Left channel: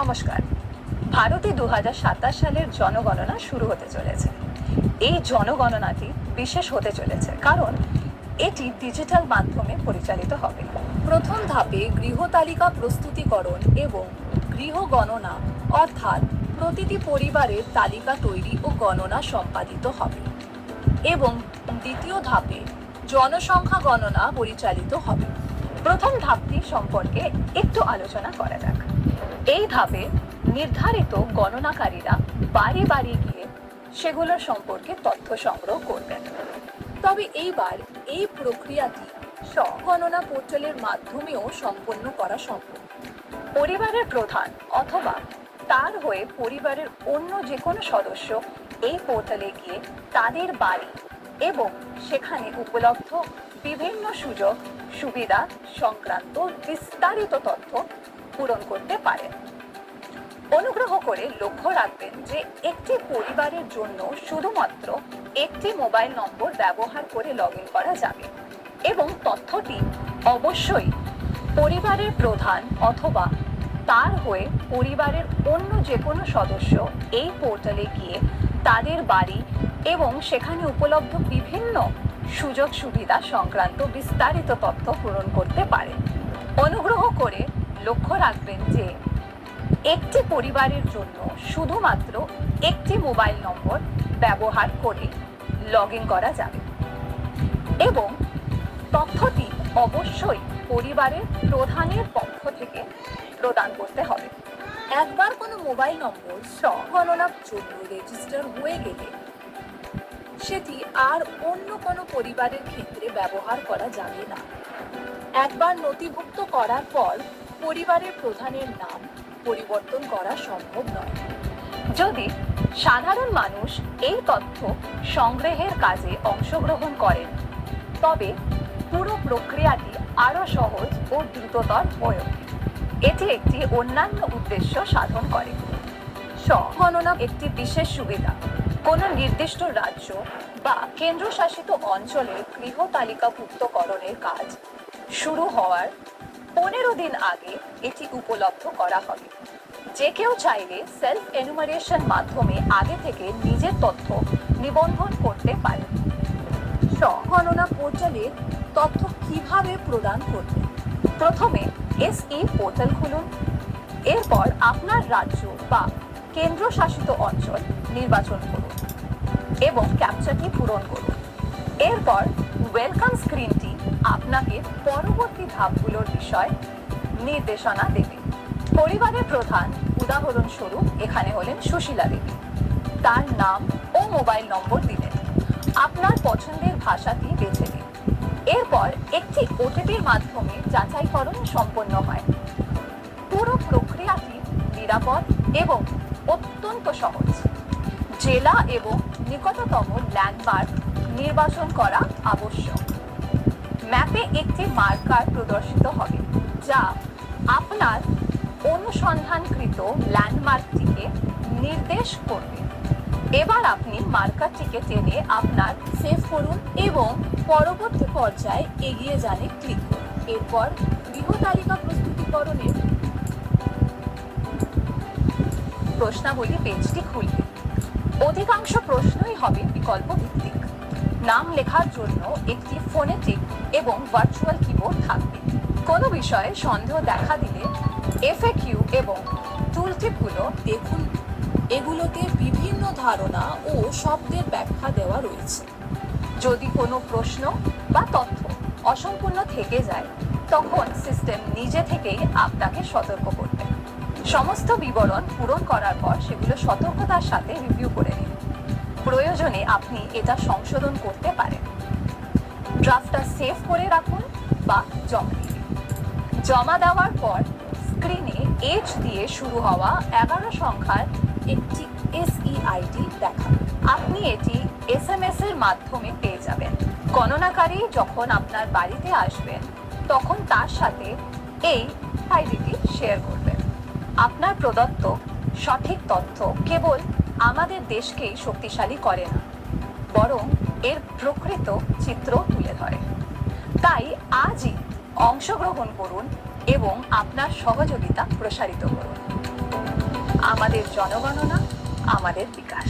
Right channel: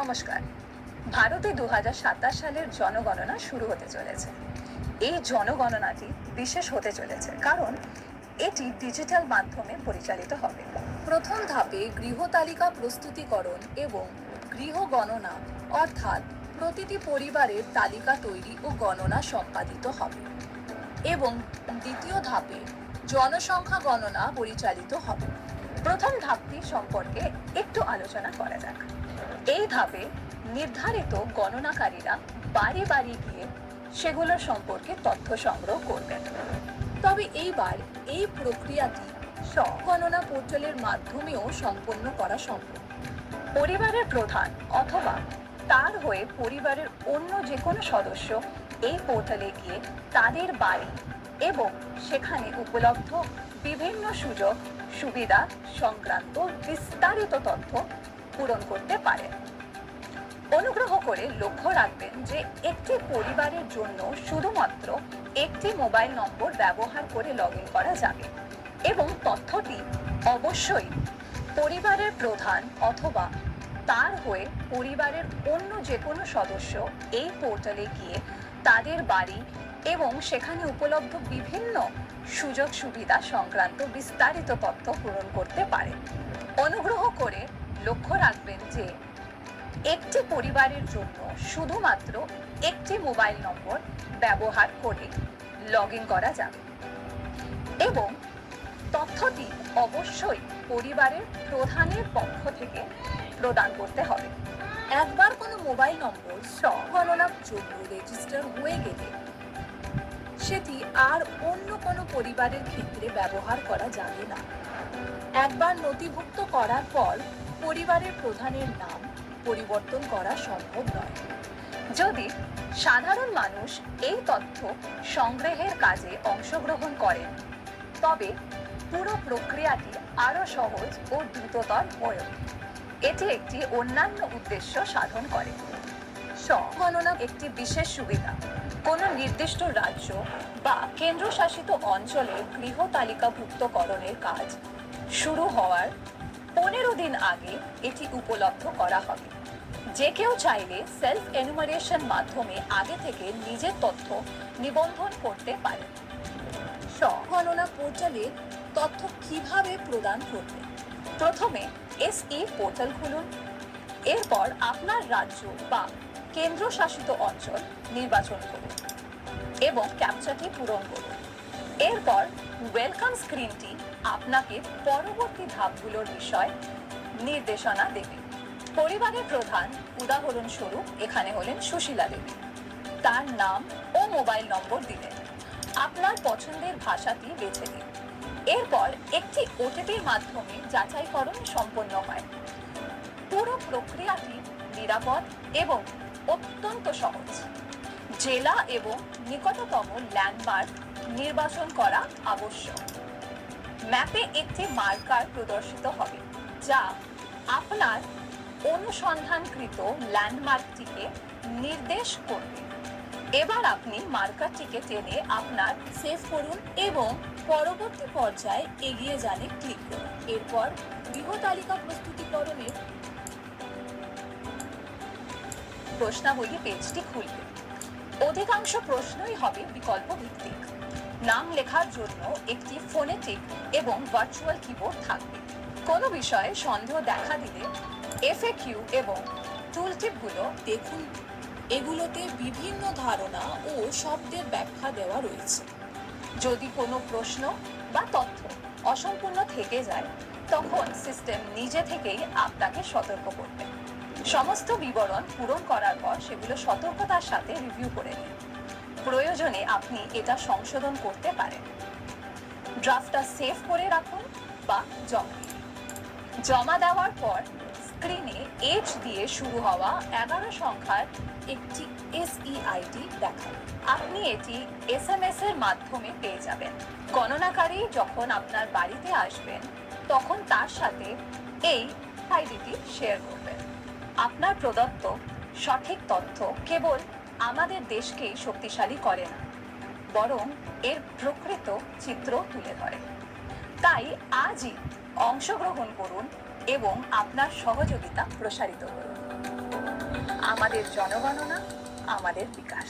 নমস্কার। ভারতে 2027 সালের জনগণনা শুরু হতে চলেছে। এই জনগণনাটি বিশেষ হতে চলেছে কারণ এটি ডিজিটাল মাধ্যমে পরিচালিত হবে। প্রথম ধাপে গৃহ তালিকা প্রস্তুতিকরণ এবং গৃহ গণনা, অর্থাৎ প্রতিটি পরিবারের তালিকা তৈরি ও গণনা সম্পাদিত হবে এবং দ্বিতীয় ধাপে জনসংখ্যা গণনা পরিচালিত হবে। প্রথম ধাপটি সম্পর্কে একটু আলোচনা করা যাক। এই ধাপে নির্ধারিত গণনাকারীরা বাড়ি বাড়ি গিয়ে সেগুলোর সম্পর্কে তথ্য সংগ্রহ করবেন। তবে এইবার এই প্রক্রিয়াটি স্বগণনা পোর্টালের মাধ্যমেও সম্পন্ন করা সম্ভব। পরিবারের প্রধান অথবা তার হয়ে পরিবারের অন্য যে কোনো সদস্য এই পোর্টালে গিয়ে তাদের বাড়ি এবং সেখানে উপলব্ধ বিভিন্ন সুযোগ সুবিধা সংক্রান্ত বিস্তারিত তথ্য পূরণ করতে পারেন। অনুগ্রহ করে লক্ষ্য রাখবেন যে একটি পরিবারের জন্য শুধুমাত্র একটি মোবাইল নম্বর ব্যবহার করে লগ ইন করা যাবে এবং তথ্যটি অবশ্যই পরিবারের প্রধান অথবা তার হয়ে পরিবারের অন্য যে কোনো সদস্য এই পোর্টালে গিয়ে তাদের বাড়ি এবং সেখানে উপলব্ধ বিভিন্ন সুযোগ সুবিধা সংক্রান্ত বিস্তারিত তথ্য পূরণ করতে পারেন। অনুগ্রহ করে লক্ষ্য রাখবেন যে একটি পরিবারের জন্য শুধুমাত্র একটি মোবাইল নম্বর ব্যবহার করে লগ ইন করা যাবে এবং তথ্যটি অবশ্যই পরিবারের প্রধানের পক্ষ থেকে প্রদান করতে হবে। একবার কোনো মোবাইল নম্বর স্বগণনার জন্য রেজিস্টার হয়ে গেলে সেটি আর অন্য কোনো পরিবারের ক্ষেত্রে ব্যবহার করা যাবে না। একবার নথিভুক্ত করার পর পরিবারের প্রধানের নাম পরিবর্তন করা সম্ভব নয়। যদি সাধারণ মানুষ এই তথ্য সংগ্রহের কাজে অংশগ্রহণ করেন তবে পুরো প্রক্রিয়াটি আরো সহজ ও দ্রুততর হয়ে ওঠে। এটি একটি অন্যান্য উদ্দেশ্য সাধন করে। স্বগণনা একটি বিশেষ সুবিধা। কোনো নির্দিষ্ট রাজ্য বা কেন্দ্রশাসিত অঞ্চলে গৃহ তালিকাভুক্তকরণের কাজ শুরু হওয়ার 15 দিন আগে এটি উপলব্ধ করা হবে। যে কেউ চাইলে সেলফ এনুমারেশন মাধ্যমে আগে থেকে নিজের তথ্য নিবন্ধন করতে পারে। স্বগণনা পোর্টালের তথ্য কিভাবে প্রদান করবে? প্রথমে এসই পোর্টাল খুলুন। এরপর আপনার রাজ্য বা কেন্দ্রশাসিত অঞ্চল নির্বাচন করুন এবং ক্যাপচাটি পূরণ করুন। এরপর ওয়েলকাম স্ক্রিনটি আপনাকে পরবর্তী ধাপগুলোর বিষয় নির্দেশনা দেবে। পরিবারের প্রধান উদাহরণস্বরূপ এখানে হলেন সুশীলা দেবী। তার নাম ও মোবাইল নম্বর দিলেন। আপনার পছন্দের ভাষাটি বেছে দিন। এরপর একটি ওটিপির মাধ্যমে যাচাইকরণ সম্পন্ন হয়। পুরো প্রক্রিয়াটি নিরাপদ এবং অত্যন্ত সহজ। জেলা এবং নিকটতম ল্যান্ডমার্ক নির্বাচন করা আবশ্যক। ম্যাপে একটি মার্কার প্রদর্শিত হবে যা আপনার অনুসন্ধানকৃত ল্যান্ডমার্কটিকে নির্দেশ করবে। এবার আপনি মার্কারটিকে টেনে আপনার সেভ করুন এবং পরবর্তী পর্যায়ে এগিয়ে যানে ক্লিক করুন। এরপর গৃহ তালিকা প্রস্তুতিকরণের প্রশ্নাবলী পেজটি খুলবে। অধিকাংশ প্রশ্নই হবে বিকল্প ভিত্তিক। নাম লেখার জন্য একটি ফোনেটিক এবং ভার্চুয়াল কিবোর্ড থাকবে। কোনো বিষয়ে সন্দেহ দেখা দিলে এফএকিউ এবং টুলটিপগুলো দেখুন। এগুলোতে বিভিন্ন ধারণা ও শব্দের ব্যাখ্যা দেওয়া রয়েছে। যদি কোনো প্রশ্ন বা তথ্য অসম্পূর্ণ থেকে যায় তখন সিস্টেম নিজে থেকেই আপনাকে সতর্ক করবে। সমস্ত বিবরণ পূরণ করার পর সেগুলো সতর্কতার সাথে রিভিউ করে নিন। প্রয়োজনে আপনি এটা সংশোধন করতে পারেন। ড্রাফটটা সেভ করে রাখুন বা জমা দেওয়ার পর স্ক্রিনে এইচ দিয়ে শুরু হওয়া 11 সংখ্যার একটি এসইআইডি দেখাবে। আপনি এটি এসএমএস এর মাধ্যমে পেয়ে যাবেন। গণনাকারী যখন আপনার বাড়িতে আসবেন তখন তার সাথে এই আইডিটি শেয়ার করবেন। আপনার প্রদত্ত সঠিক তথ্য কেবল আমাদের দেশকেই শক্তিশালী করে না, বরং এর প্রকৃত চিত্র তুলে ধরে। তাই আজই অংশগ্রহণ করুন এবং আপনার সহযোগিতা প্রসারিত করুন। আমাদের জনগণনা, আমাদের বিকাশ।